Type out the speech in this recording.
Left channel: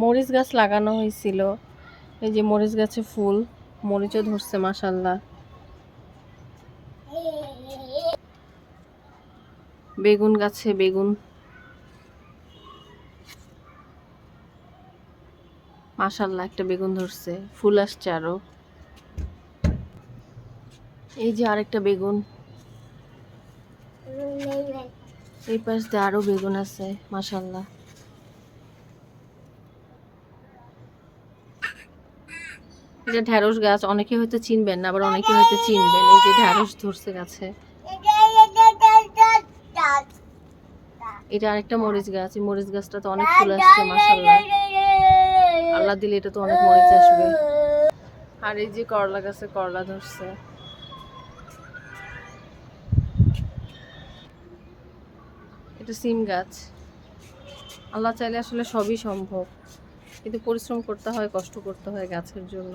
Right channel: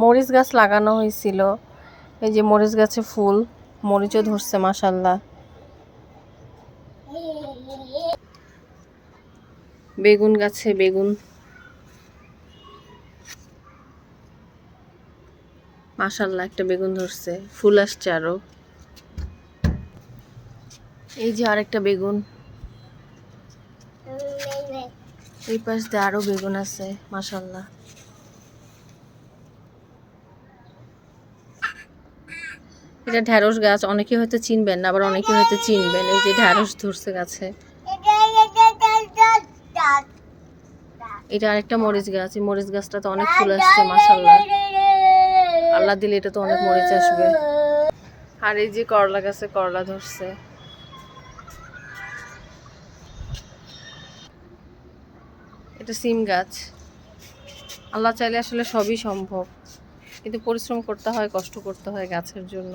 মরিচ গাছ লাগানো হয়েছিল, এই যে মরিচ গাছে ফুল, মরিচও ধরছে মাশাআল্লাহ। বেগুন গাছে বেগুন মাশাআল্লাহ, একটা বেগুন ধরছে, ফুল আসছে আরো। এই যে আরেকটা বেগুন, এই পাশ দিয়ে আরো বেগুন আছে মাশাআল্লাহ। এটা ঢ্যাঁড়স গাছ, অনেকে হয়তো চিনবেন না, আবার অনেকে হয়তো চিনবেন। এই যে ঢ্যাঁড়স ধরছে গাছে। এটা আরেকটা মরিচ গাছ, এই মরিচ গাছটা তো অনেক ফুল আসছে মাশাআল্লাহ। আল্লাহ দিলে এটা তো অনেক মরিচ আসবে। আর এই যে করলা গাছে করলা ধরছে। এটা সিম গাছ। আল্লাহ চাইলে আসলে সবই সম্ভব, কিন্তু পরিশ্রম করতে হয়, কষ্ট করতে হয় গাছের জন্য।